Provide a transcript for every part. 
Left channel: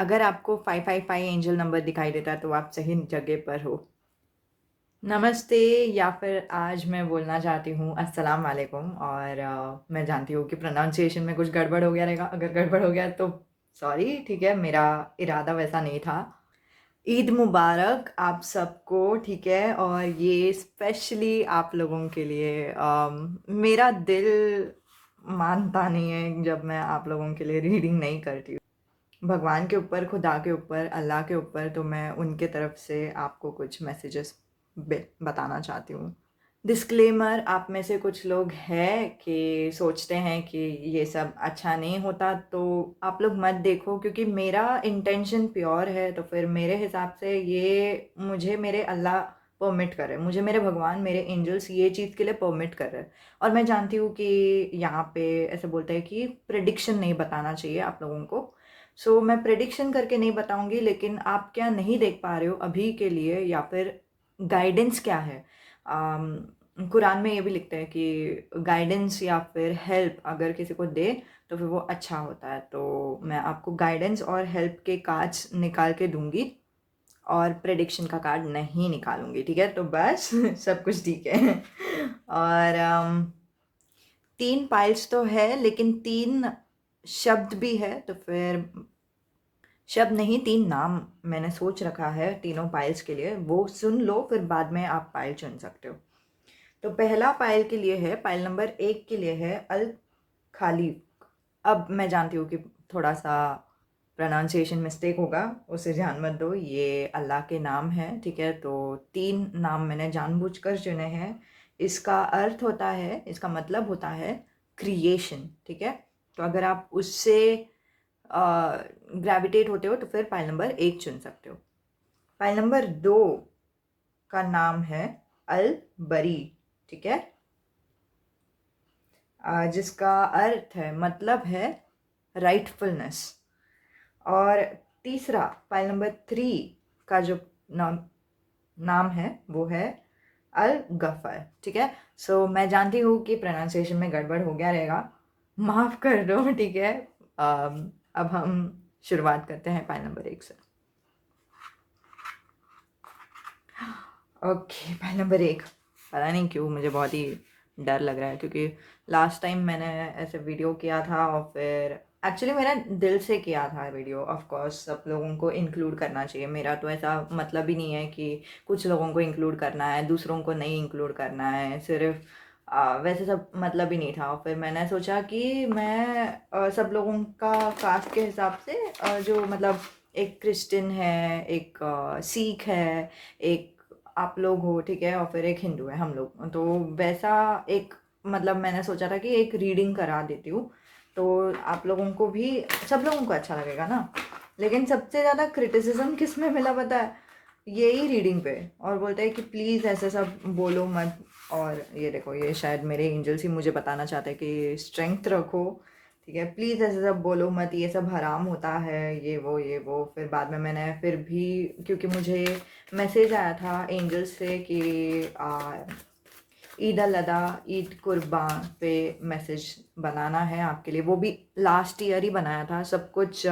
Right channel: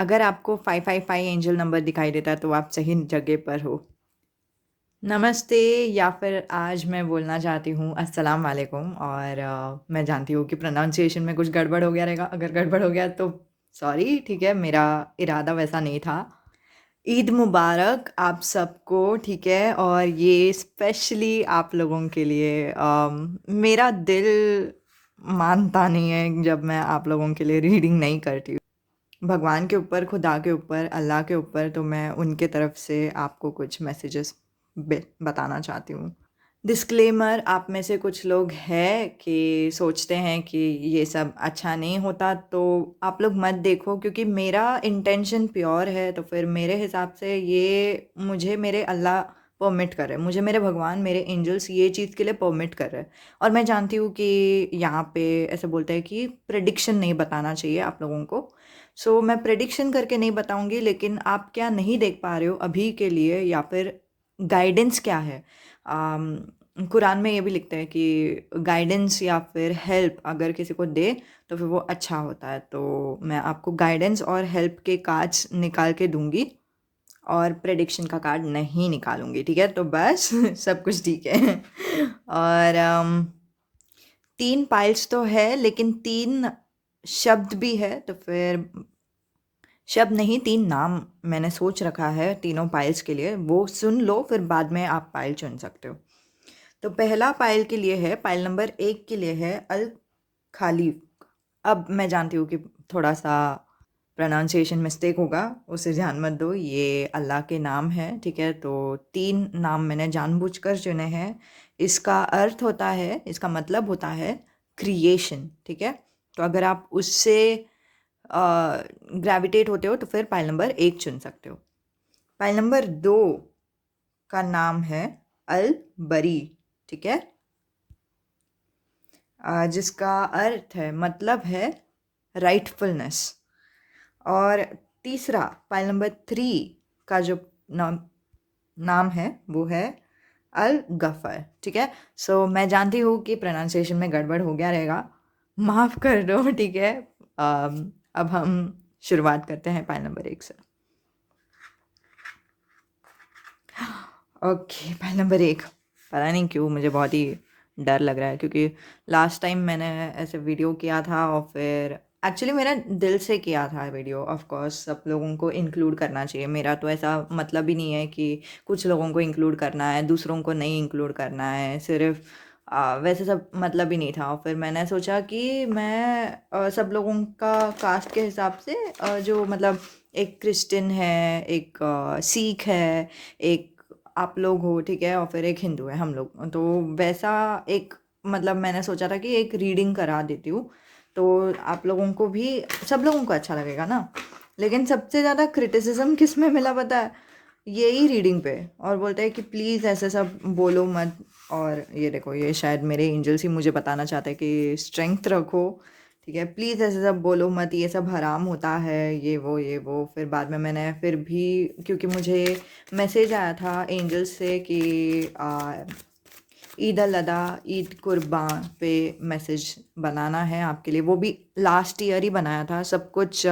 अगर आपको 555 angel number दिखाई देता है तो आप सही जगह पर हो। नमस्ते या फिर आज मैं बोलना चाहती हूँ अस्सलाम वालेकुम और मैं जानती हूँ कि प्रोनाउंसिएशन में कुछ गड़बड़ हो गया रहेगा। अगर गड़बड़ हो गया तो सॉरी, ठीक है, मेरा इरादा वैसा नहीं था। ईद मुबारक आप सबको, ठीक है? और ये स्पेशली आप लोगों के लिए मेरा दिल मानता नहीं है जब मैं आप लोगों के लिए रीडिंग नहीं करती हूँ। भगवान के ऊपर, खुदा के ऊपर, अल्लाह के ऊपर, तो मैं उनके तरफ से आपको कुछ मैसेजेस बताना चाहती हूँ। डिस्क्लेमर, आप में से कुछ लोग हैं कि सोचते हैं कि ये सब अच्छा नहीं होता, तो आप लोग मत देखो, क्योंकि मेरा इंटेंशन प्योर है। तो फिर मेरे हिसाब से ये मुझे मेरे अल्लाह परमिट कर रहे हैं, मुझे मेरे भगवान, मेरे एंजल्स ये चीज़ के लिए परमिट कर रहे हैं। और मैं जानती हूँ कि यहाँ पे ऐसे बोलते हैं कि प्रेडिक्शन नहीं बताना चाहिए आप लोगों को। सो मैं प्रेडिक्शन करके नहीं बताऊंगी, लेकिन आप क्या नहीं देख पा रहे हो अभी के लिए, या फिर गाइडेंस क्या है। कुरान में ये भी लिखता है कि गाइडेंस या फिर हेल्प अगर किसी को दे तो फिर वो अच्छा होता है। तो मैं आपको गाइडेंस और हेल्प के कार्ड्स निकाल के दूंगी और प्रेडिक्शन का कार्ड नहीं निकालूंगी, ठीक है? तो बस सब कुछ ठीक है। और 3 पाइल्स तो है, लेकिन 3 शब्द भी है, तो फिर शब्द नहीं, 3 नाम मैंने सोच रखा है तीनों पाइल्स के लिए, वो सुन लो, फिर बाद में आप पाइल चुन सकते हो। तो पहला पाइल के लिए है, पाइल नंबर 1 के लिए है अल खाली। अब मैं जानती हूँ कि थोड़ा सा प्रोनाउंसिएशन मिस्टेक होगा, उसे ध्यान मत दो, ये अल्लाह के नाम है, ठीक है? तो 3 नाम मैंने जानबूझकर चुने हैं। इसका अर्थ होता है, इसका मतलब होता है क्रिएशन, ठीक है? तो अगर आप उससे ग्रेविटेट होते हो तो फिर पाइल नंबर 1 चुन सकते हो। पाइल नंबर 2 का नाम है अल बरी, ठीक है? जिसका अर्थ है, मतलब है राइटफुलनेस। और तीसरा, पाइल नंबर 3 का जो नाम नाम है वो है अल गफ़र, ठीक है? सो मैं जानती हूँ कि प्रोनाउंसिएशन में गड़बड़ हो गया रहेगा, माफ़ कर दो, ठीक है? अब हम शुरुआत करते हैं पाइल नंबर 1 से। Okay, pile number 1। पता नहीं क्यों मुझे बहुत ही डर लग रहा है, क्योंकि लास्ट टाइम मैंने ऐसे वीडियो किया था और फिर एक्चुअली मेरा दिल से किया था वीडियो। ऑफ कोर्स सब लोगों को इंक्लूड करना चाहिए, मेरा तो ऐसा मतलब ही नहीं है कि कुछ लोगों को इंक्लूड करना है, दूसरों को नहीं इंक्लूड करना है, सिर्फ वैसे सब मतलब ही नहीं था। और फिर मैंने सोचा कि मैं सब लोगों का कास्ट के हिसाब से जो मतलब एक क्रिश्चियन है, एक सिख है, एक आप लोग हो, ठीक है? और फिर एक हिंदू है, हम लोग, तो वैसा एक मतलब मैंने सोचा था कि एक रीडिंग करा देती हूँ, तो आप लोगों को भी, सब लोगों को अच्छा लगेगा ना। लेकिन सबसे ज़्यादा क्रिटिसिज्म किस में मिला पता है? यही रीडिंग पे। और बोलते हैं कि प्लीज़ ऐसे सब बोलो मत। और ये देखो, ये शायद मेरे एंजल्स ही मुझे बताना चाहते हैं कि स्ट्रेंथ रखो, ठीक है? प्लीज़ ऐसे सब बोलो मत, ये सब हराम होता है, ये वो। फिर बाद में मैंने फिर भी, क्योंकि मुझे मैसेज आया था एंजल्स से कि ईद अल अदा, ईद कुर्बान पे मैसेज बनाना है आपके लिए, वो भी लास्ट ईयर ही बनाया था सब कुछ।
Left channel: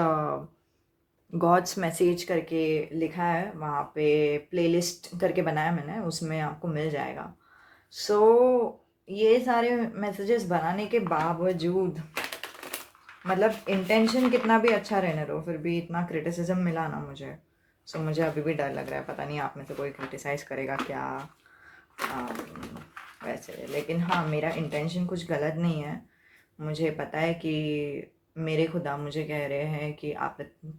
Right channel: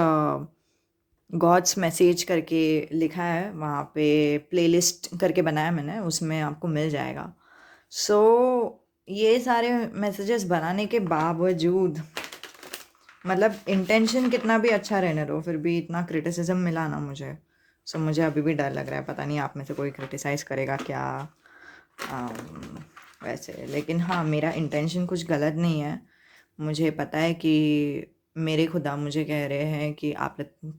गॉड्स मैसेज करके लिखा है वहाँ पे, प्लेलिस्ट करके बनाया मैंने, उसमें आपको मिल जाएगा। सो ये सारे मैसेजेस बनाने के बावजूद, मतलब इंटेंशन कितना भी अच्छा रहने दो, फिर भी इतना क्रिटिसिज्म मिला ना मुझे। सो मुझे अभी भी डर लग रहा है, पता नहीं आप में से कोई क्रिटिसाइज़ करेगा क्या। वैसे लेकिन हाँ, मेरा इंटेंशन कुछ गलत नहीं है। मुझे पता है कि मेरे खुदा मुझे कह रहे हैं कि आप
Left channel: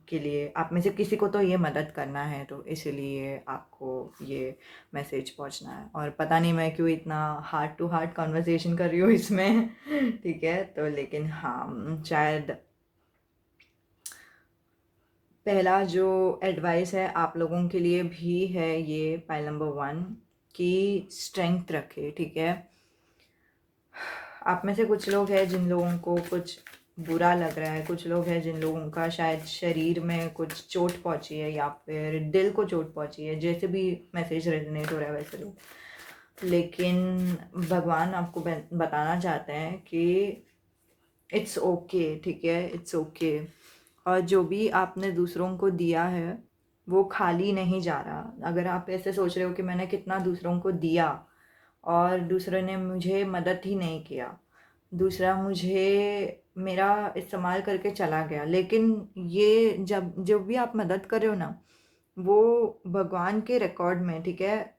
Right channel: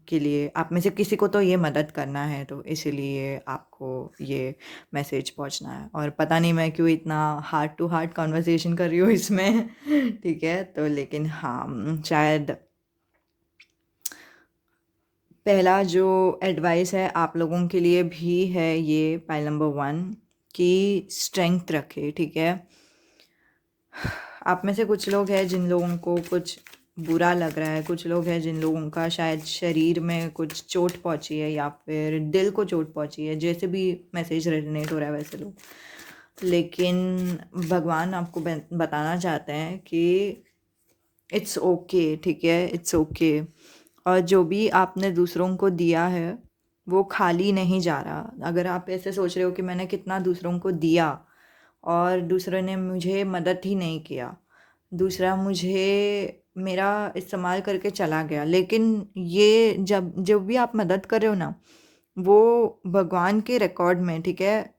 के लिए, आप में से किसी को तो ये मदद करना है, तो इसीलिए आपको ये मैसेज पहुंचना है। और पता नहीं मैं क्यों इतना हार्ट टू हार्ट कॉन्वर्सेशन कर रही हूँ इसमें ठीक है? तो लेकिन हाँ, शायद पहला जो एडवाइस है आप लोगों के लिए भी है, ये पाइल नंबर 1 की स्ट्रेंथ रखे, ठीक है? आप में से कुछ लोग हैं जिन लोगों को कुछ बुरा लग रहा है, कुछ लोग हैं जिन लोगों का शायद शरीर में कुछ चोट पहुंची है या फिर दिल को चोट पहुंची है, जैसे भी मैसेज रेजोनेट हो रहा है वैसे लोग। लेकिन भगवान आपको बताना चाहते हैं कि इट्स ओके, ठीक है? It's okay. और जो भी आपने दूसरों को दिया है, वो खाली नहीं जा रहा। अगर आप ऐसे सोच रहे हो कि मैंने कितना दूसरों को दिया और दूसरे ने मुझे मदद ही नहीं किया, दूसरा मुझे मेरा इस्तेमाल करके चला गया। लेकिन ये जब भी आप मदद कर रहे हो ना, वो भगवान के रिकॉर्ड में, ठीक है?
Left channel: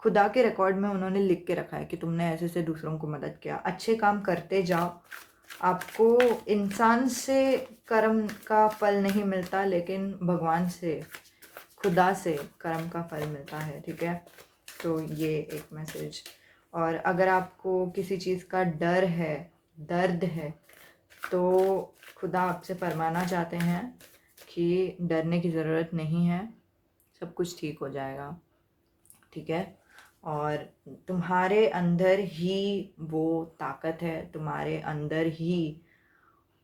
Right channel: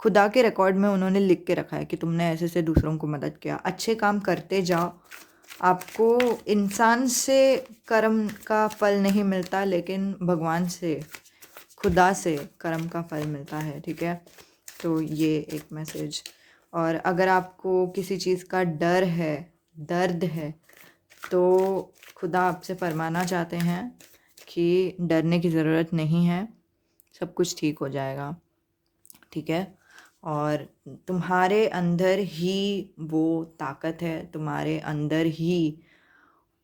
खुदा के रिकॉर्ड में उन्होंने लिख के रखा है कि तुमने ऐसे-ऐसे दूसरों को मदद किया। अच्छे काम करते जाओ। आपको इंसान से कर्म का फल नहीं मिलता, लेकिन भगवान से, खुदा से कर्म का फल मिलता है, ठीक है? तो ये एक मैसेज। और अगर आपको किसी चीज़ का डर है, दर्द है, तो खुदा आपसे फरमाना चाहते हैं कि डरने की ज़रूरत नहीं है, सब कुछ ठीक हो जाएगा, ठीक है? और तुम्हारे अंदर ही वो ताकत है, तुम्हारे अंदर ही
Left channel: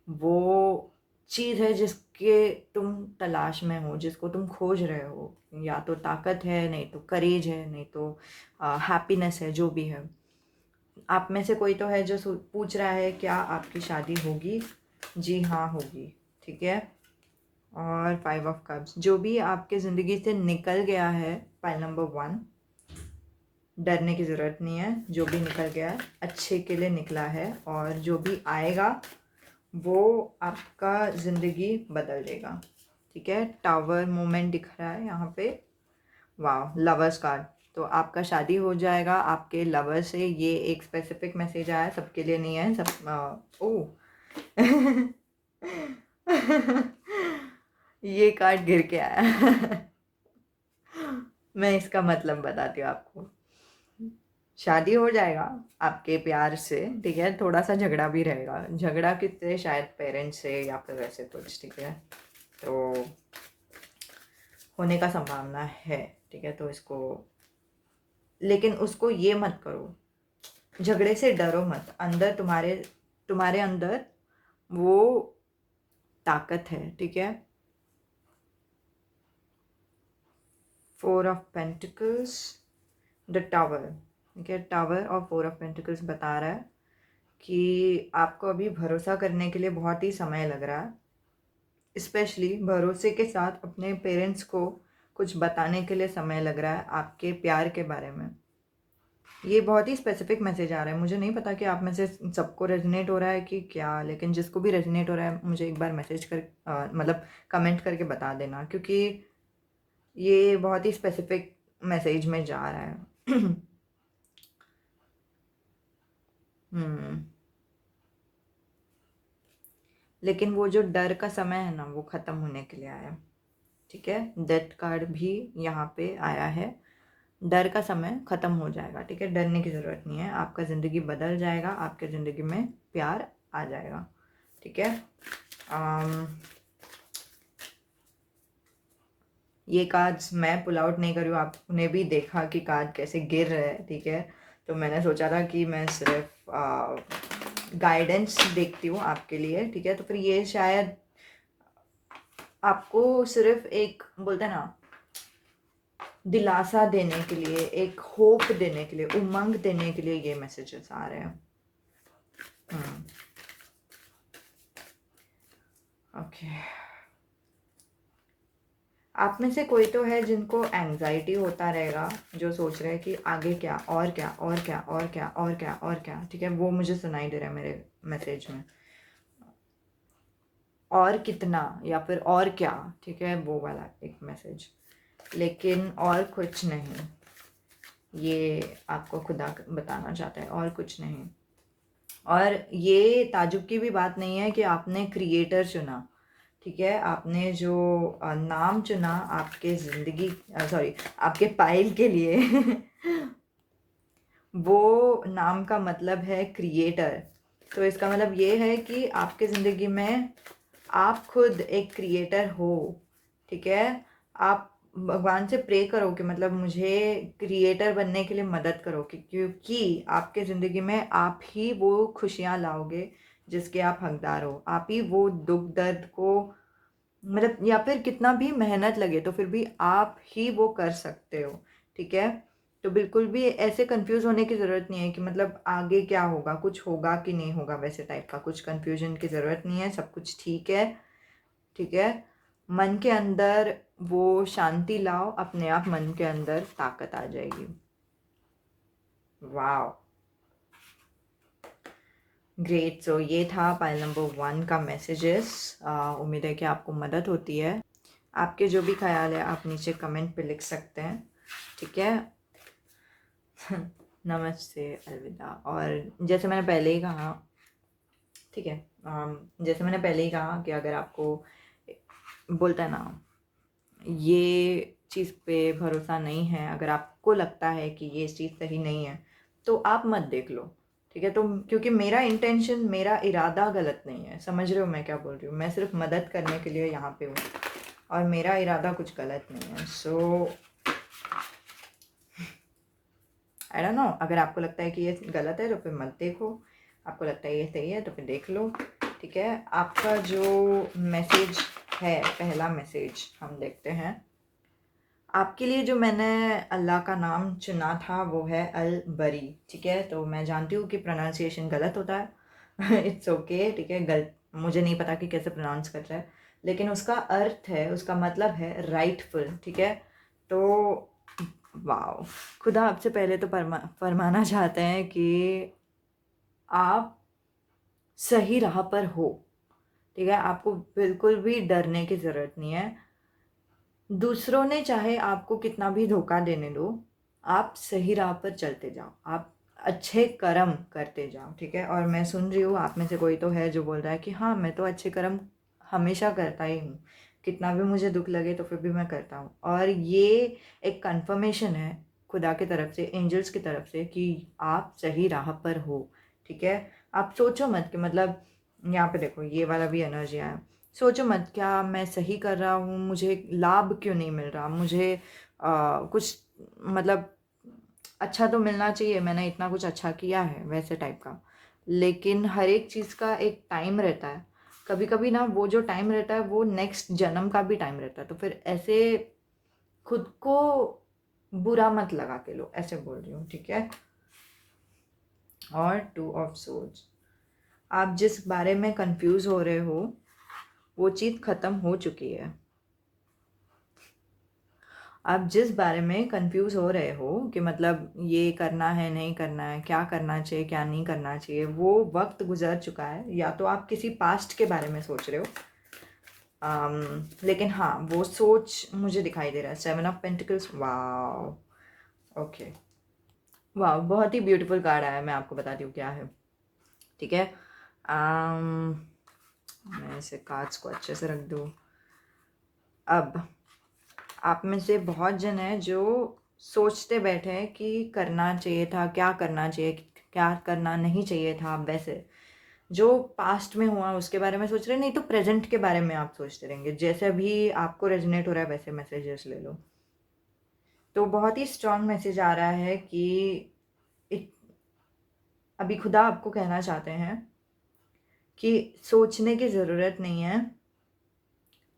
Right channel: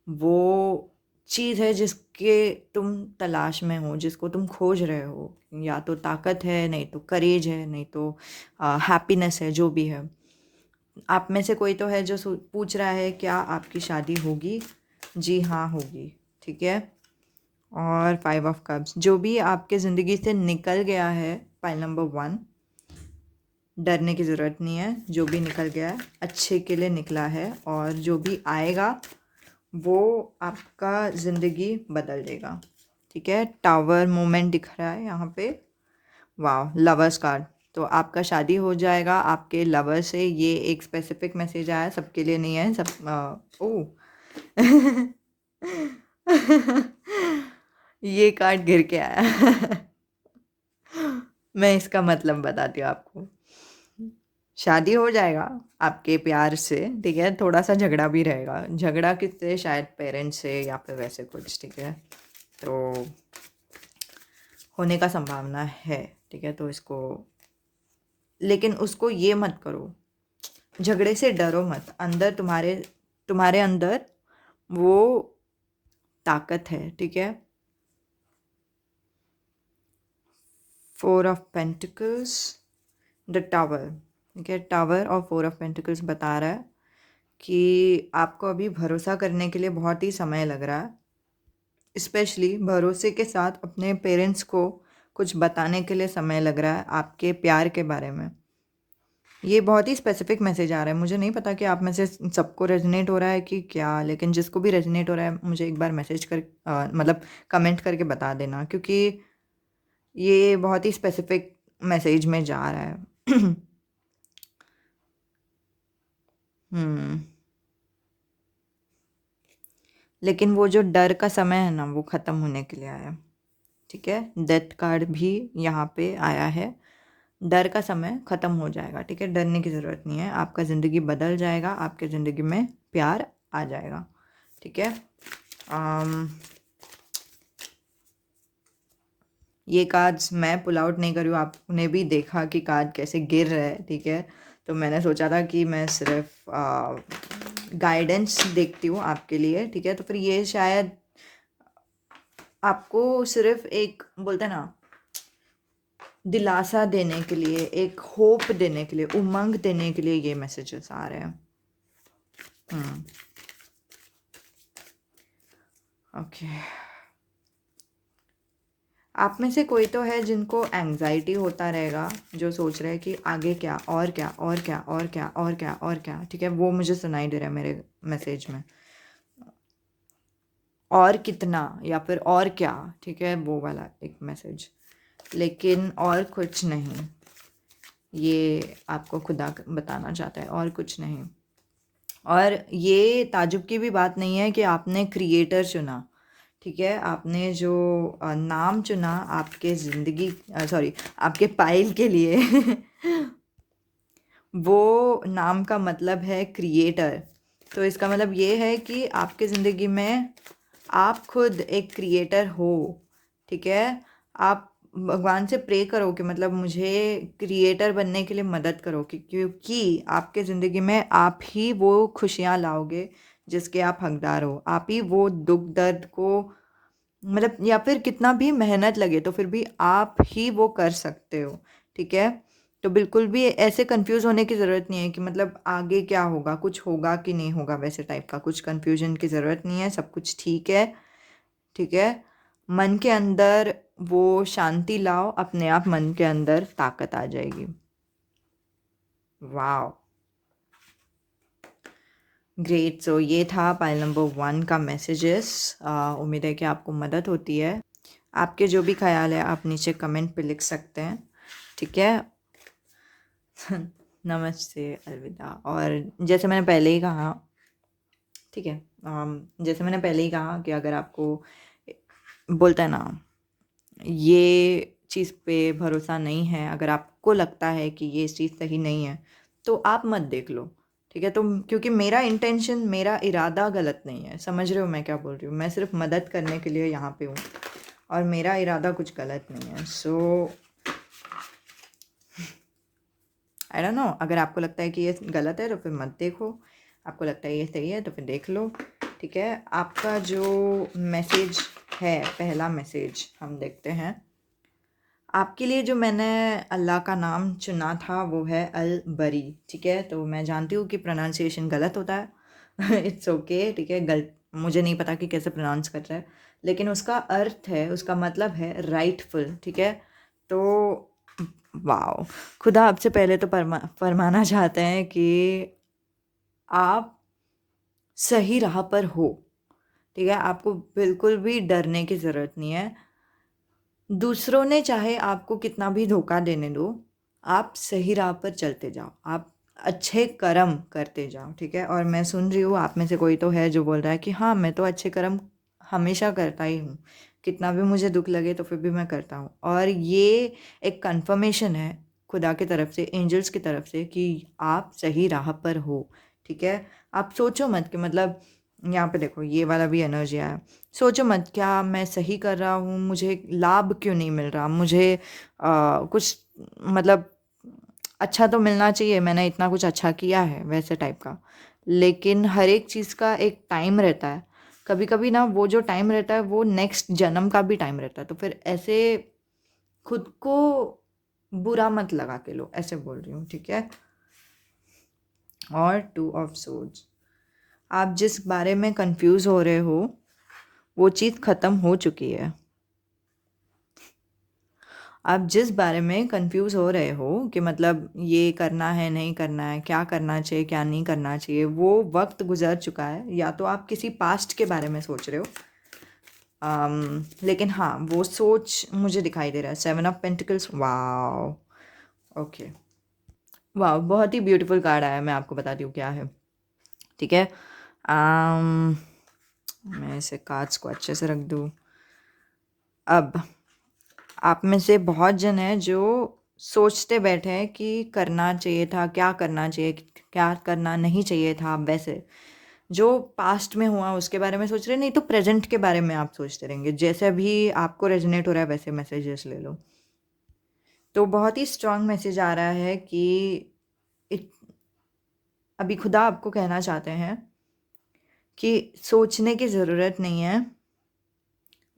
वो चीज़ है जिसके तुम तलाश में हो, जिसको तुम खोज रहे हो। या तो ताकत है, नहीं तो करेज है, नहीं तो हैप्पीनेस है, जो भी है। आप में से कोई तो है जो पूछ रहा है क्या आपकी शादी होगी? जी हाँ, होगी, ठीक है? और 5 ऑफ कप्स, जो भी आपके ज़िंदगी से निकल गया है, पाइल नंबर 1, डरने की ज़रूरत नहीं है। जो भी निकल गया है अच्छे के लिए निकला है, और जो भी आएगा वो आपका ज़िंदगी बदल देगा, ठीक है? टावर मोमेंट दिख रहा है यहाँ पे। वाह, लवर्स कार्ड। तो आपका शादी हो जाएगा आपके लवर से। ये एक स्पेसिफिक मैसेज आया, सबके लिए नहीं है। ओह ये कार्ड गिर के आया। मैं इसका मतलब बताती हूँ आपको। शादी हो जाएगा आपके प्यार से, ठीक है? थोड़ा-सा झगड़ा भी रहेगा। झगड़ा किससे? शायद पेरेंट्स से या फिर वैसे कुछ, ठीक है? तो होने का संभावना है, ठीक है? तो इसको, लेकिन उसको ये मत करो, झगड़े से डरो मत। अंदर तुम्हारे अंदर वो ताकत है, ठीक है? 4 ऑफ पेंटिकल्स, द टावर, ठीक है? टावर और 4 ऑफ पेंटिकल्स बता रहा है कि आपको अभी भरोसा करने के लिए बहुत ही समय लग रहा है। स्पेशली भरोसे के साथ अपने पेरेंट्स को कुछ बताने के लिए समय लग रहा है आपके प्यार के बारे में। ये बहुत ही स्पेसिफिक मैसेज आ रहा है। मुझे नहीं पता कि आप में से सबको रेजोनेट हो रहा है कि क्या, लेकिन जिसको भी रेजोनेट हो रहा है मुझे एक बार मैसेज कर मतलब कमेंट करके बता देना, क्योंकि ये बहुत ही स्पेसिफिक मैसेज में जा रहा है। हम्म। लेकिन वो जो डर का समय है ना, वो ख़त्म होने के लिए आया, ठीक है? डेथ कार्ड भी यहाँ पे आया है। डर का समय ख़त्म हो जाएगा, ठीक है? डरने की ज़रूरत नहीं है। आपका ज़िंदगी बदल जाएगा, आपके ज़िंदगी में प्यार आ जाएगा, ठीक है? ये कार्ड्स मैं पुल आउट नहीं कर रही हूँ, आपने भी देखा कि कार्ड कैसे गिर रहे हैं, ठीक है? तो मैंने सोचा था कि मैं सिर्फ गाइडेंस देखती हूँ आपके लिए, ठीक है? तो फिर ये शायद आपको सिर्फ एक, बोलते हैं ना, दिलासा देने के लिए, एक होप देने के लिए, उमंग देने के लिए ये मैसेजेस आ रहे हैं। ओके। आप में से कोई तो है जिनको एंग्जाइटी होता रहेगा, जो सोच रहे हैं कि आगे क्या, और क्या, और क्या, और क्या, और क्या, और क्या, ठीक है? वो मुझे सुनाई दे रहा है मेरे मैसेज में। और कितना या फिर और क्या, ठीक है? वो वाला एक मैसेज, लेकिन और कुछ नहीं। ये आपको खुदा बताना चाहता है, और कुछ नहीं। और ये ताज्जुब की भी बात नहीं है कि आपने क्रिएटर चुना, ठीक है? आपने जो नाम चुना आपके ज़िंदगी, सॉरी, आपके पाइल के लिए वो नाम का मतलब है क्रिएटर। तो इसका मतलब ये है कि आपके ज़िंदगी में आप खुद एक क्रिएटर हो, ठीक है? आप भगवान से प्रे करो कि मतलब मुझे क्रिएटर बनने के लिए मदद करो, क्योंकि आपके ज़िंदगी में आप ही वो खुशियाँ लाओगे जिसके आप हकदार हो। आप ही वो दुख दर्द को, मतलब, या फिर कितना भी मेहनत लगे तो फिर भी आप ही वो कर सकते हो, ठीक है? तो बिल्कुल भी ऐसे कंफ्यूज होने की ज़रूरत नहीं है कि मतलब आगे क्या होगा, कुछ होगा कि नहीं होगा, वैसे टाइप का कुछ कंफ्यूजन की ज़रूरत नहीं है। सब कुछ ठीक है, ठीक है? मन के अंदर वो शांति लाओ, अपने आप मन के अंदर ताकत आ जाएगी। वाओ! ग्रेट। सो ये था पाइल नंबर 1 का मैसेजेस। उम्मीद है कि आपको मदद होती है। आपके जो भी ख्याल है आप नीचे कमेंट पे लिख सकते हैं, ठीक है? नमस्ते, अलविदा। और जैसे मैंने पहले ही कहा, ठीक है, जैसे मैंने पहले ही कहा कि अगर आपको बोलते हैं ना, ये चीज़ पे भरोसा नहीं है, अगर आपको लगता है कि ये चीज़ सही नहीं है, तो आप मत देख लो, ठीक है? तो क्योंकि मेरा इंटेंशन, मेरा इरादा गलत नहीं है, समझ रहे हो मैं क्या बोल रही हूँ? मैं सिर्फ मदद करने के लिए यहाँ पे हूँ और मेरा इरादा कुछ गलत नहीं है। सो आई डोंट नो, अगर आपको लगता है कि ये गलत है तो फिर मत देखो, आपको लगता है ये सही है तो फिर देख लो, ठीक है? आपका जो मैसेज है, पहला मैसेज हम देखते हैं। आपके लिए जो मैंने अल्लाह का नाम चुना था वो है अल बरी, ठीक है? तो मैं जानती हूँ कि प्रोनाउंसिएशन गलत होता है। इट्स ओके, ठीक है? मुझे नहीं पता कि कैसे प्रोनाउंस कर रहा है, लेकिन उसका अर्थ है, उसका मतलब है राइटफुल, ठीक है? तो वाओ! खुदा आपसे पहले तो फरमाना चाहते हैं कि आप सही राह पर हो, ठीक है? आपको बिल्कुल भी डरने की ज़रूरत नहीं है। दूसरों ने चाहे आपको कितना भी धोखा देने दो, आप सही राह पर चलते जाओ, आप अच्छे कर्म करते जाओ, ठीक है? और मैं सुन रही हूँ आप में से कोई तो है जो बोल रहा है कि हाँ, मैं तो अच्छे कर्म हमेशा करता ही हूँ, कितना भी मुझे दुख लगे तो फिर भी मैं करता हूँ। और ये एक कन्फर्मेशन है खुदा की तरफ से, एंजल्स की तरफ से, कि आप सही राह पर हो, ठीक है? आप सोचो मत कि मतलब, यहाँ पे देखो ये वाला भी एनर्जी आया, सोचो मत क्या मैं सही कर रहा हूँ, मुझे लाभ क्यों नहीं मिल रहा, मुझे कुछ मतलब अच्छा तो मिलना चाहिए, मैंने इतना कुछ अच्छा किया है, वैसे टाइप का। लेकिन हर एक चीज़ का एक टाइम रहता है, कभी कभी ना वो जो टाइम रहता है वो नेक्स्ट जन्म का भी टाइम रहता है, तो फिर ऐसे खुद को बुरा मत लगा के लो, ऐसे बोल रही हूँ, ठीक है? और 2 ऑफ सोर्ड्स, आप जिस बारे में कंफ्यूज हो रहे हो वो चीज़ ख़त्म हो चुकी है। आप जिस बारे में कंफ्यूज हो रहे हो कि मतलब ये करना है, नहीं करना है, क्या करना चाहिए, क्या नहीं करना चाहिए, वो वक्त गुजर चुका है। या तो आप किसी पास्ट के बारे में सोच रहे हो, लेकिन हाँ, वो सोच मुझे दिखाई दे रहा है। 7 ऑफ पेंटिकल्स, वाओ! ओके, वाह, बहुत ही ब्यूटीफुल कार्ड आया। मैं आपको बताती हूँ क्या है, ठीक है? um, मैं इसे कार्ड्स को अच्छे से रख दूँ। अब आप में से बहुत जन हैं जो सोचते बैठे हैं कि करना चाहिए था, क्या करना चाहिए, क्या करना नहीं चाहिए था। वैसे जो पास्ट में हुआ उसके बारे में सोच रहे, नहीं तो प्रेजेंट के बारे में आप सोचते रहेंगे। जैसे भी आपको रेजोनेट हो रहा है वैसे मैसेजेस ले लो। तो बहुत ही स्ट्रांग मैसेज आ रहा है कि इत, अभी खुदा आपको कहना चाहते हैं कि सोचने की ज़रूरत नहीं है,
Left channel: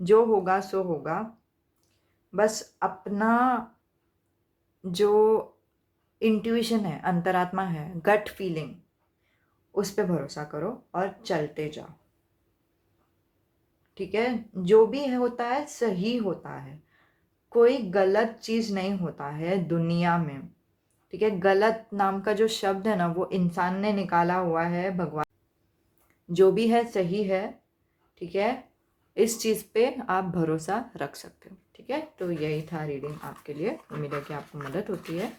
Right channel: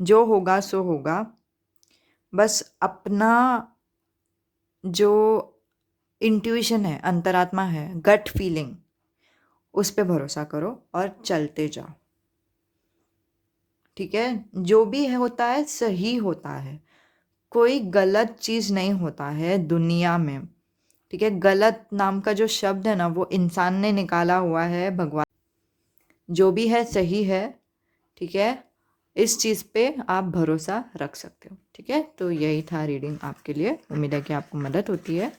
जो होगा सो होगा। बस अपना जो इंट्यूशन है, अंतरात्मा है, गट फीलिंग, उस पे भरोसा करो और चलते जाओ, ठीक है? जो भी है होता है सही होता है, कोई गलत चीज़ नहीं होता है दुनिया में, ठीक है? गलत नाम का जो शब्द है ना वो इंसान ने निकाला हुआ है, भगवान। जो भी है सही है, ठीक है? इस चीज़ पे आप भरोसा रख सकते हो, ठीक है? तो यही था रीडिंग आपके लिए। उम्मीद है कि आपको मदद होती है।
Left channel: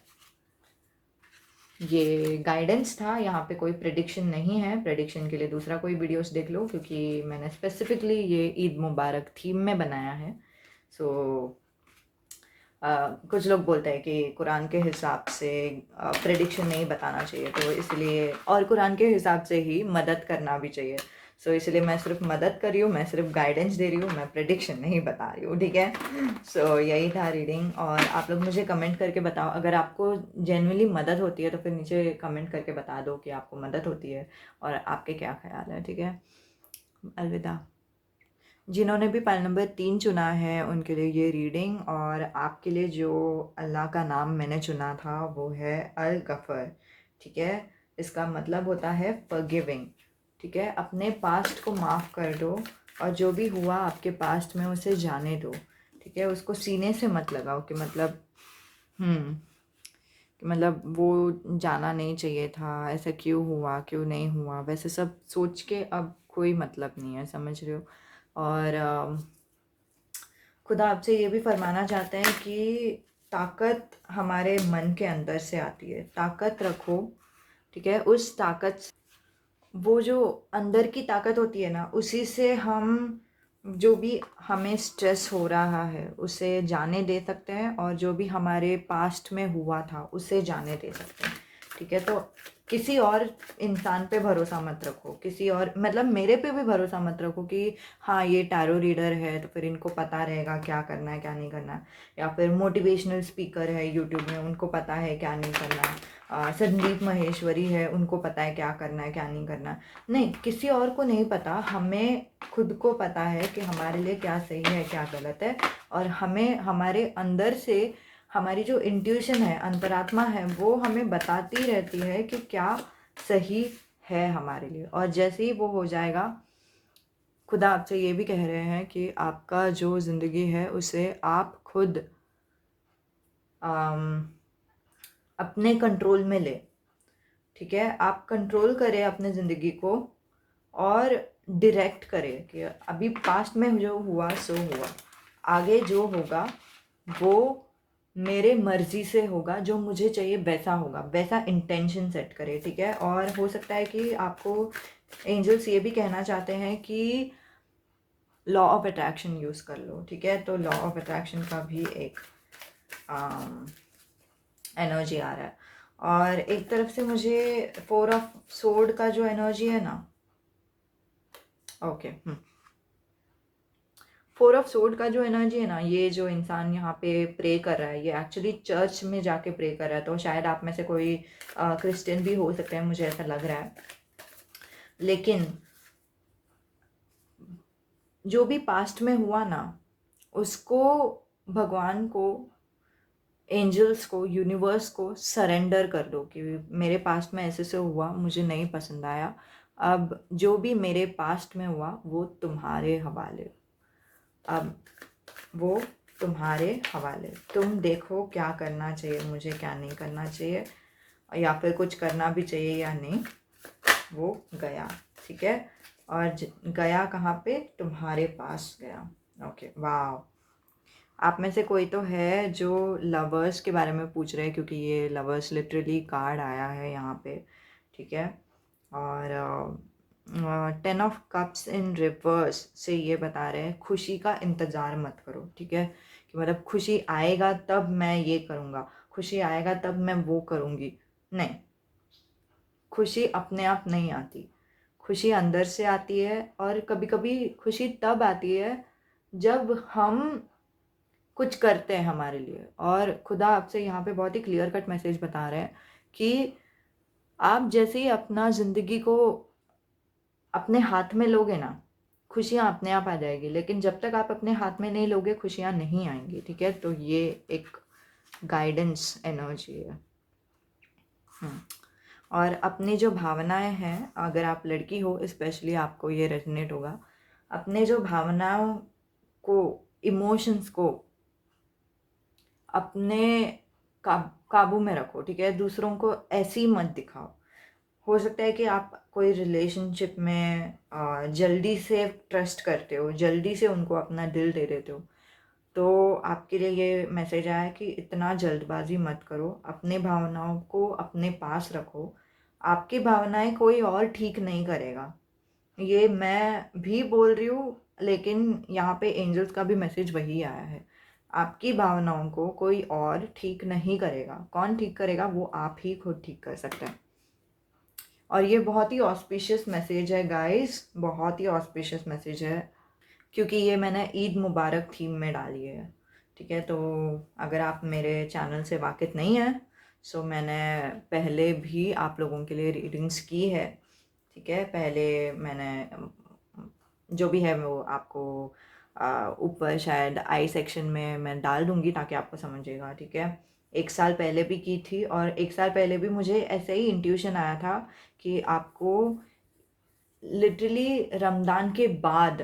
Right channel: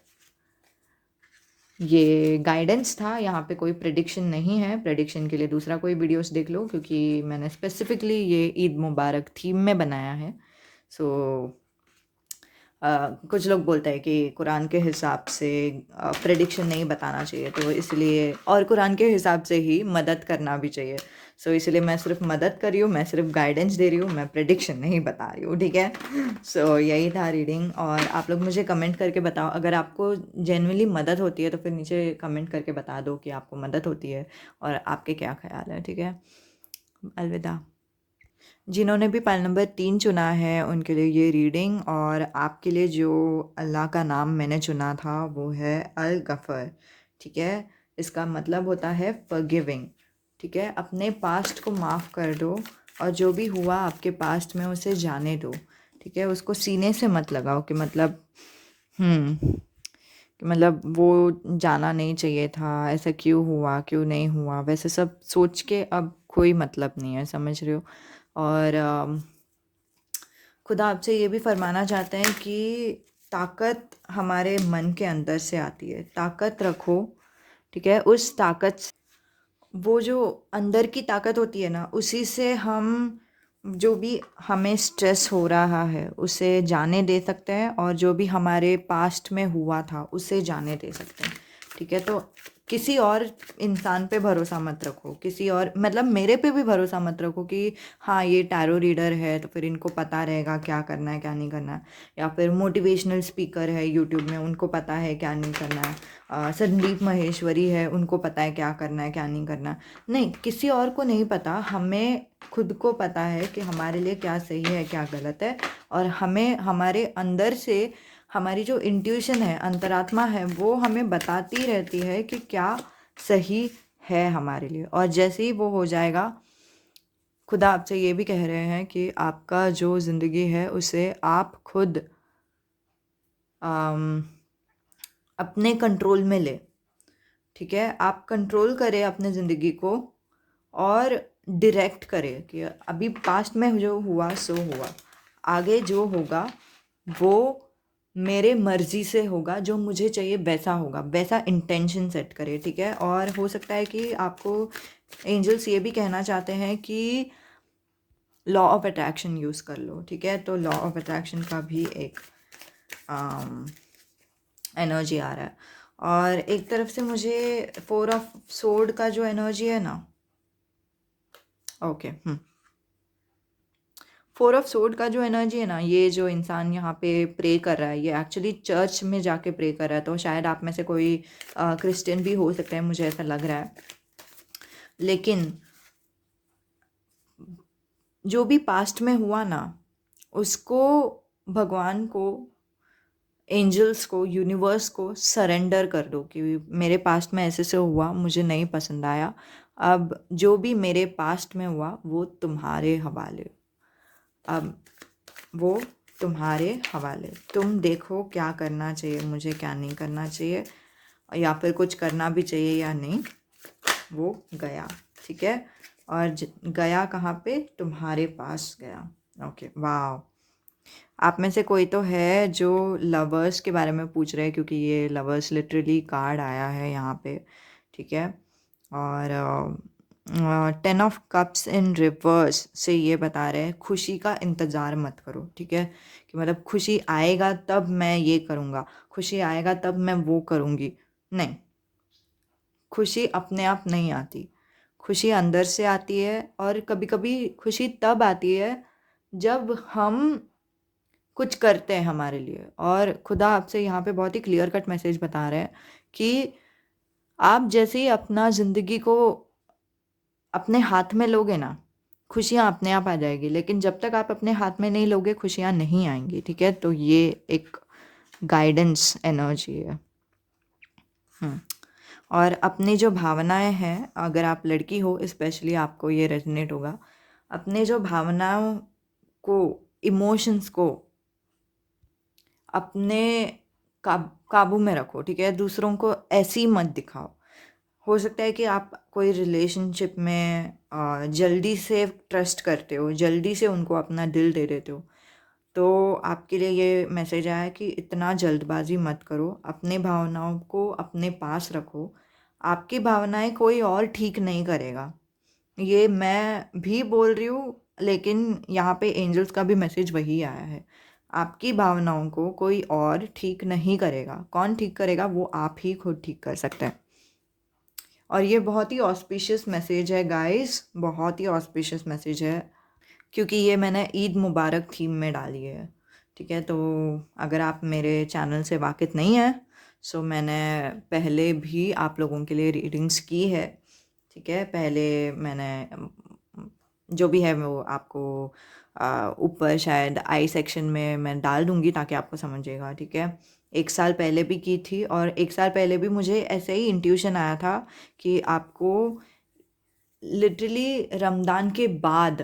ये गाइडेंस था, यहाँ पे कोई प्रेडिक्शन नहीं है। प्रेडिक्शन के लिए दूसरा कोई वीडियोस देख लो, क्योंकि मैंने स्पेसिफिकली ये ईद मुबारक थीम में बनाया है। सो कुछ लोग बोलते हैं कि कुरान के हिसाब से प्रेडिक्शन नहीं बताना चाहिए, तो इसलिए, और कुरान के हिसाब से ही मदद करना भी चाहिए। सो इसलिए मैं सिर्फ मदद कर रही हूँ, मैं सिर्फ गाइडेंस दे रही हूँ, मैं प्रेडिक्शन नहीं बता रही हूँ, ठीक है? सो यही था रीडिंग। और आप लोग मुझे कमेंट करके बताओ, अगर आपको जेन्युइनली मदद होती है तो फिर नीचे कमेंट करके बता दो कि आपको मदद होती है और आपके क्या ख्याल है, ठीक है? अलविदा। जिन्होंने भी पाल नंबर 3 चुना है उनके लिए ये रीडिंग। और आपके लिए जो अल्लाह का नाम मैंने चुना था वो है अल गफ़र, ठीक है? इसका मतलब होता है फॉरगिविंग, ठीक है? अपने पास्ट को माफ़ कर दो, और जो भी हुआ आपके पास्ट में उसे जाने दो, ठीक है? उसको सीने से मत लगाओ कि मतलब कि मतलब वो जाना नहीं चाहिए था, ऐसा क्यों हुआ, क्यों नहीं हुआ, वैसे सब सोच के अब कोई मतलब नहीं है, समझ रहे हो? और खुदा आपसे ये भी फरमाना चाहते हैं कि ताकत हमारे मन के अंदर से आती है, ताकत रखो, ठीक है? उस ताकत, वो जो अंदर की ताकत होती है ना, उसी से हम जो भी हमें स्ट्रेस हो रहा है उसे जाने दे सकते हैं, और जो भी हमारे पास्ट में हुआ था उसे जाने दे सकते हैं, ठीक है? तो किसी और इंसान पे भरोसा मत रखो, किसी और मतलब मेरे पे भी भरोसा मत रखो कि हाँ ये टैरो रीडर है तो फिर इनको पता रहेगा क्या करना है क्या नहीं करना है, या फिर मोटिवेशनल स्पीकर है यूट्यूब में उनको पता है क्या नहीं करना है, संदीप महेश्वरी है उनको पता है क्या करना है क्या नहीं करना है। नहीं, किसी और को नहीं पता, हमें खुद को पता है कि हमारे लिए क्या सही है क्या गलत है, और हमें हमारे अंदर से हमारी जो इंट्यूशन है, अंतरात्मा है, वो हमें बताती रहती है कि क्या सही है हमारे लिए। और जैसे ही वो हो जाएगा, खुदा आपसे ये भी कह रहे हैं कि आपका जो ज़िंदगी है उसे आप खुद अम, अपने कंट्रोल में ले, ठीक है? आप कंट्रोल करें अपने ज़िंदगी को, और डायरेक्ट करें कि अभी पास्ट में जो हुआ सो हुआ, आगे जो होगा वो मेरे मर्ज़ी से होगा, जो मुझे चाहिए वैसा होगा, वैसा इंटेंशन सेट करें, ठीक है? और हो सकता है कि आपको एंजल्स ये भी कहना चाहते हैं कि लॉ ऑफ अट्रैक्शन यूज़ कर लो, ठीक है? तो लॉ ऑफ अट्रैक्शन का भी एक एनर्जी आ रहा है, और एक तरफ से मुझे 4 ऑफ सोर्ड का जो एनर्जी है ना, ओके, 4 ऑफ सोर्ड का जो एनर्जी है ना, ये जो इंसान यहाँ पे प्रे कर रहा है ये एक्चुअली चर्च में जाके प्रे कर रहा है, तो शायद आप में से कोई क्रिश्चियन भी हो सकते हैं, मुझे ऐसा लग रहा है। लेकिन जो भी पास्ट में हुआ ना, उसको भगवान को, एंजल्स को, यूनिवर्स को सरेंडर कर दो कि मेरे पास्ट में ऐसे से हुआ, मुझे नहीं पसंद आया, अब जो भी मेरे पास्ट में हुआ वो तुम्हारे हवाले, अब वो तुम्हारे हवाले, तुम देखो क्या करना चाहिए मुझे, क्या नहीं करना चाहिए, या फिर कुछ करना भी चाहिए या नहीं। वो गया, ठीक है? और गया कहाँ पे? तुम्हारे पास गया। ओके, वाह। आप में से कोई तो है जो लवर्स के बारे में पूछ रहे हैं, क्योंकि ये लवर्स लिटरली कार्ड आया है यहाँ पे, ठीक है? और 10 ऑफ कप्स इन रिवर्स से ये बता रहे हैं खुशी का इंतज़ार मत करो, ठीक है? कि मतलब खुशी आएगा तब मैं ये करूँगा, खुशी आएगा तब मैं वो करूँगी, नहीं। खुशी अपने आप नहीं आती, खुशी अंदर से आती है, और कभी कभी खुशी तब आती है जब हम कुछ करते हैं हमारे लिए। और खुदा आपसे यहाँ पे बहुत ही क्लियर कट मैसेज बता रहे हैं कि आप जैसे ही अपना ज़िंदगी को अपने हाथ में लोगे ना, खुशियाँ अपने आप आ जाएगी, लेकिन जब तक आप अपने हाथ में नहीं लोगे खुशियाँ नहीं आएंगी, ठीक है? तो ये एक गाइडेंस एनर्जी है। और अपनी जो भावनाएं हैं, अगर आप लड़की हो स्पेशली आपको ये रेजोनेट होगा, अपने जो भावनाओं को, इमोशंस को अपने काबू में रखो, ठीक है? दूसरों को ऐसी मत दिखाओ। हो सकता है कि आप कोई रिलेशनशिप में जल्दी से ट्रस्ट करते हो, जल्दी से उनको अपना दिल दे देते हो, तो आपके लिए ये मैसेज आया कि इतना जल्दबाजी मत करो, अपने भावनाओं को अपने पास रखो, आपकी भावनाएं कोई और ठीक नहीं करेगा। ये मैं भी बोल रही हूँ, लेकिन यहाँ पे एंजल्स का भी मैसेज वही आया है, आपकी भावनाओं को कोई और ठीक नहीं करेगा। कौन ठीक करेगा? वो आप ही खुद ठीक कर सकते हैं। और ये बहुत ही ऑस्पिशियस मैसेज है गाइस, बहुत ही ऑस्पिशियस मैसेज है, क्योंकि ये मैंने ईद मुबारक थीम में डाली है, ठीक है? तो अगर आप मेरे चैनल से वाकिफ़ नहीं हैं, सो मैंने पहले भी आप लोगों के लिए रीडिंग्स की है, ठीक है? पहले मैंने जो भी है वो आपको ऊपर शायद आई सेक्शन में मैं डाल दूँगी ताकि आपको समझिएगा, ठीक है? 1 साल पहले भी की थी, और 1 साल पहले भी मुझे ऐसे ही इंट्यूशन आया था कि आपको लिटरली रमज़ान के बाद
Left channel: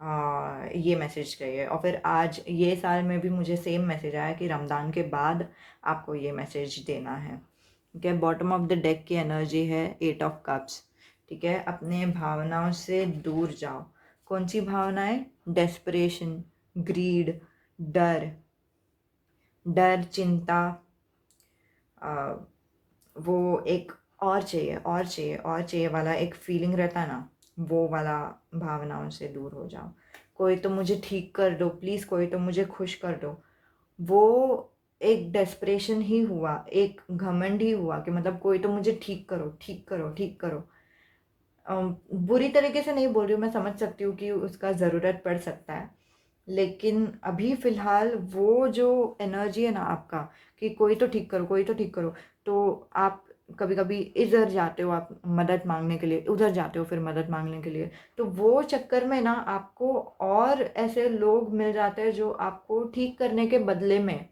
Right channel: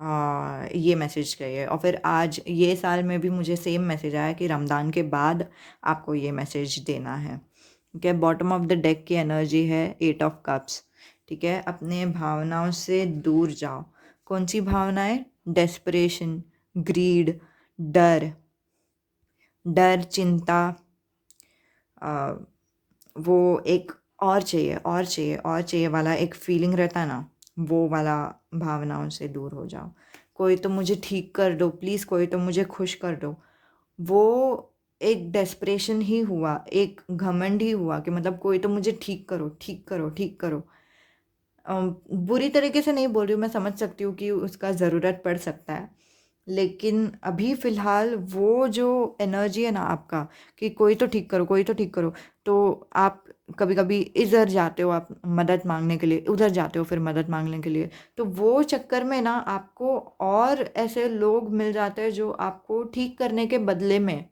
ये मैसेज करिए। और फिर आज ये साल में भी मुझे सेम मैसेज आया कि रमज़ान के बाद आपको ये मैसेज देना है। ठीक है, बॉटम ऑफ द डेक की एनर्जी है 8 ऑफ कप्स। ठीक है, अपने भावनाओं से दूर जाओ। कौन सी भावनाएं? डेस्परेशन, ग्रीड, डर, डर, चिंता, आ, वो एक और चाहिए और चाहिए और चाहिए वाला एक फीलिंग रहता है ना, वो वाला भावनाओं से दूर हो जाओ। कोई तो मुझे ठीक कर दो प्लीज़, कोई तो मुझे खुश कर दो। वो एक डेस्परेशन ही हुआ, एक घमंड ही हुआ कि मतलब कोई तो मुझे ठीक करो, ठीक करो, ठीक करो। बुरी तरीके से नहीं बोल रही हूँ, मैं समझ सकती हूँ कि उसका ज़रूरत पड़ सकता है। लेकिन अभी फ़िलहाल वो जो एनर्जी है ना आपका कि कोई तो ठीक करो, कोई तो ठीक करो, तो आप कभी-कभी इधर जाते हो आप मदद माँगने के लिए, उधर जाते हो फिर मदद माँगने के लिए। तो वो चक्कर में ना आपको और ऐसे लोग मिल जाते हैं जो आपको ठीक करने के बदले में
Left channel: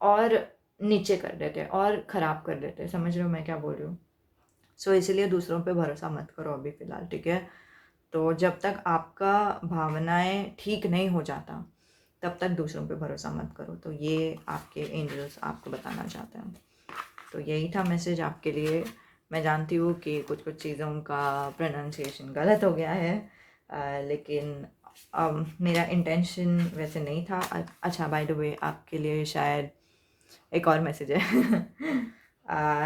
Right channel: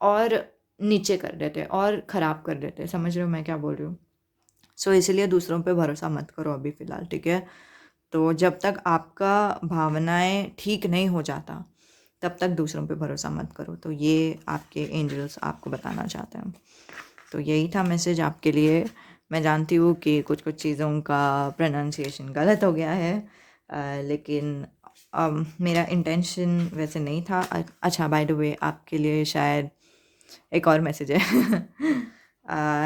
और नीचे कर देते हैं और ख़राब कर देते हैं। समझ रहे हो मैं क्या बोल रही हूँ? सो इसीलिए दूसरों पे भरोसा मत करो अभी फ़िलहाल, ठीक है? तो जब तक आपका भावनाएँ ठीक नहीं हो जाता, तब तक दूसरों पे भरोसा मत करो। तो ये आपके एंजल्स आपको बताना चाहते हैं। तो यही था मैसेज आपके लिए। मैं जानती हूँ कि कुछ-कुछ चीज़ों का प्रोनंसिएशन गलत हो गया है, लेकिन मेरा इंटेंशन वैसे नहीं था। अच्छा, बाय द वे आपके लिए शायद एक और मैसेज है।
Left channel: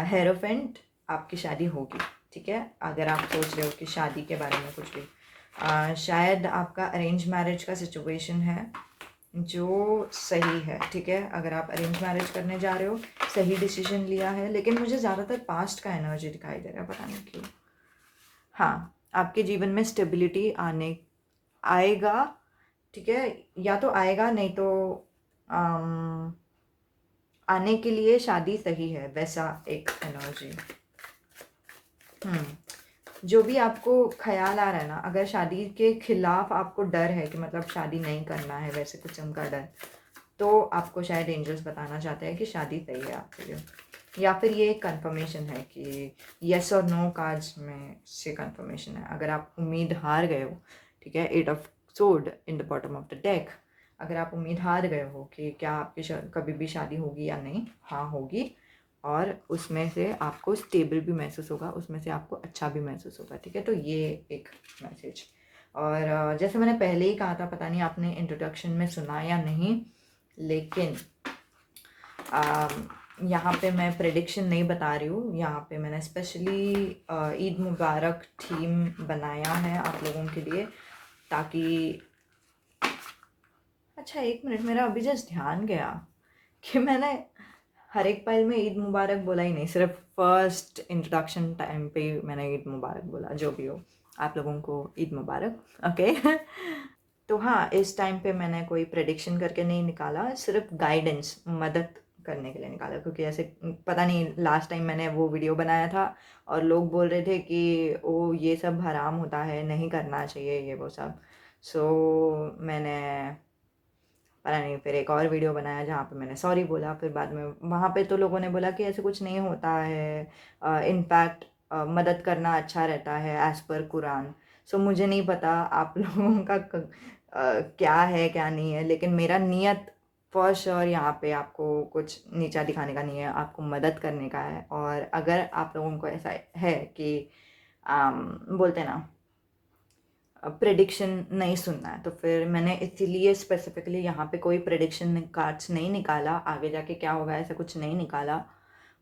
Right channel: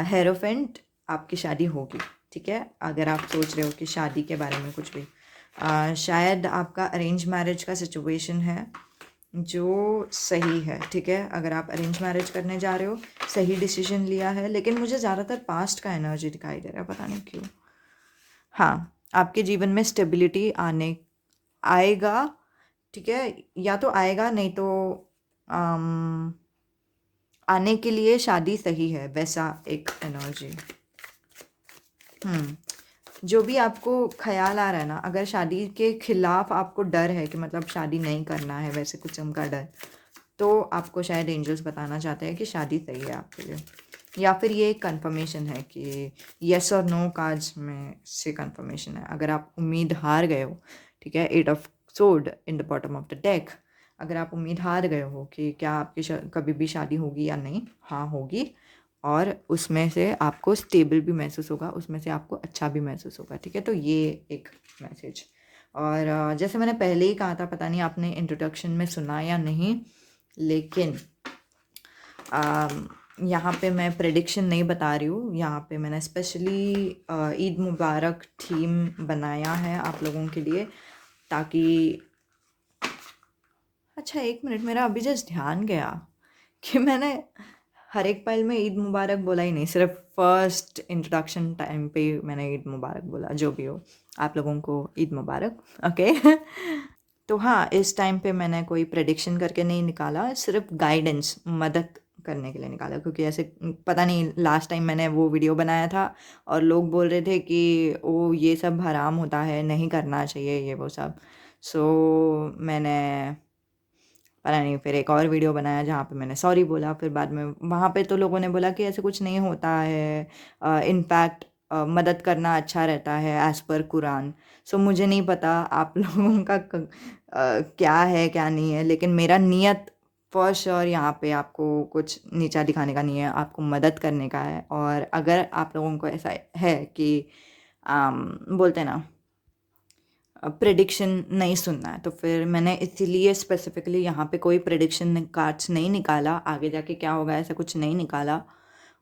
हेरोफेंट, आपकी शादी होगी, ठीक है? अगर आप सोच रहे हो कि शादी के बारे में कुछ भी, शायद आपका अरेंज मैरिज का सिचुएशन है जो सही है, ठीक है? अगर आप अरेंज मैरिज करने जा रहे हो, सही डिसीजन लिया है, लेकिन मुझे ज़्यादातर पास्ट का एनर्जी दिखाई दे रहा है, पता नहीं क्यों। हाँ, आपके जीवन में स्टेबिलिटी आएगा, ठीक है? या तो आएगा, नहीं तो अम, आने के लिए शादी सही है, वैसा एक एनर्जी। जो भी आपको ख़्याल आ रहा है ना, अगर शादी के खिलाफ आपको डर है कि मतलब शादी नहीं करना है, वैसे किस्म का डर, तो आपको शायद एंजल्स बताना चाहते हैं कि शादी सही है आपके लिए। या फिर ये एक कन्फर्मेशन है कि येस और नो कार्ड्स में से कन्फर्मेशन है। अगर आप उम्मीद हार गए हो, ठीक है, 8 of sword in the bottom of the deck, अगर आप उम्मीद हार गए हो कि क्या आपकी कभी भी शादी होगी या नहीं, हाँ होगी, और उसमें से आपको स्टेबल भी महसूस होगा, उसमें से आपको अच्छा भी महसूस होगा, ठीक है? तो ये एक मैसेज। और जैसे मैंने पहले ही कहा था, पता नहीं आपने इंट्रोडक्शन में सुना या नहीं, लेकिन यहाँ पे मैं प्रेडिक्शन नहीं बता रही हूँ। यहाँ पे मैंने स्पेशली ईद मुबारक थीम बनाया है आप लोगों के लिए, ताकि अच्छा, एक मिनट, मेरा अभी जस्ट ध्यान गया कि मैंने हर एक पाइल में ईद मुबारक बोला ही नहीं, सिर्फ फर्स्ट इंट्रोडक्शन टाइम पे ही मैंने ईद मुबारक बोला। जो भी हो, आप लोगों को ईद मुबारक, ओके। तो हाँ, इस टाइम पे मैंने कोई प्रेडिक्शन करके नहीं निकाला, सिर्फ गाइडेंस, मदद करने के लिए निकाला, क्योंकि ऐसे पता नहीं, लास्ट टाइम मैंने वो वीडियो बनाया था और लोग बोल रहे थे कि ओ ये सब हराम होता है, नहीं करना चाहिए ये वो सब। सो मैंने पता नहीं फिर एक और वीडियो बनाया जहाँ पे मैंने सॉरी बोला। फिर बाद में वहाँ पे तो लोगों ने बोला कि ऐसे कुछ नहीं होता है, इनफैक्ट मदद करना अच्छा रहता है एज़ पर कुरान। सो मुझे नहीं पता आप लोगों का क्या है क्या नहीं है, लेकिन मेरा नियत फॉर श्योर यहाँ पे आपको कुछ नीचा दिखाने का नहीं है, आपको मदद करने का है। और अगर आप लोगों को ऐसा है कि बोलते हैं ना, प्रेडिक्शन नहीं सुनना है, तो फिर मैंने इसीलिए स्पेसिफिकली यहाँ पे कोई प्रेडिक्शन कार्ड्स नहीं निकाला, आगे जाके क्या होगा ऐसा कुछ नहीं निकाला।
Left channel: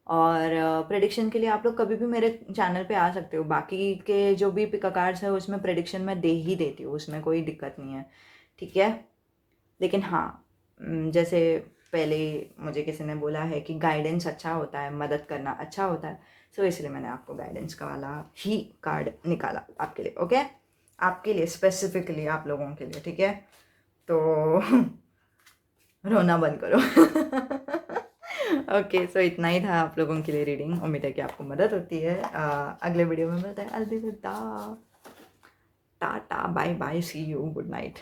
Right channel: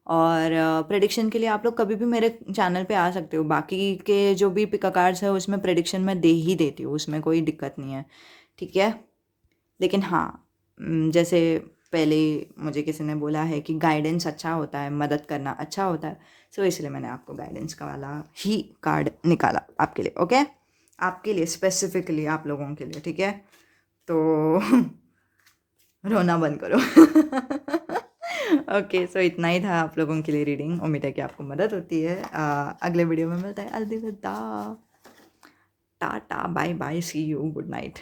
और प्रेडिक्शन के लिए आप लोग कभी भी मेरे चैनल पे आ सकते हो, बाकी के जो भी पिका कार्ड्स है उसमें प्रेडिक्शन मैं दे ही देती हूँ, उसमें कोई दिक्कत नहीं है, ठीक है? लेकिन हाँ, जैसे पहले मुझे किसी ने बोला है कि गाइडेंस अच्छा होता है, मदद करना अच्छा होता है, सो इसलिए मैंने आपको गाइडेंस का वाला ही कार्ड निकाला आपके लिए, ओके? आपके लिए स्पेसिफिकली, आप लोगों के लिए, ठीक है? तो रोना बंद करो। ओके, सो इतना ही था आप लोगों के लिए रीडिंग। उम्मीद है कि आपको मदद होती है। अगले वीडियो में मिलते हैं। अलविदा, tata, bye bye, see you, good night.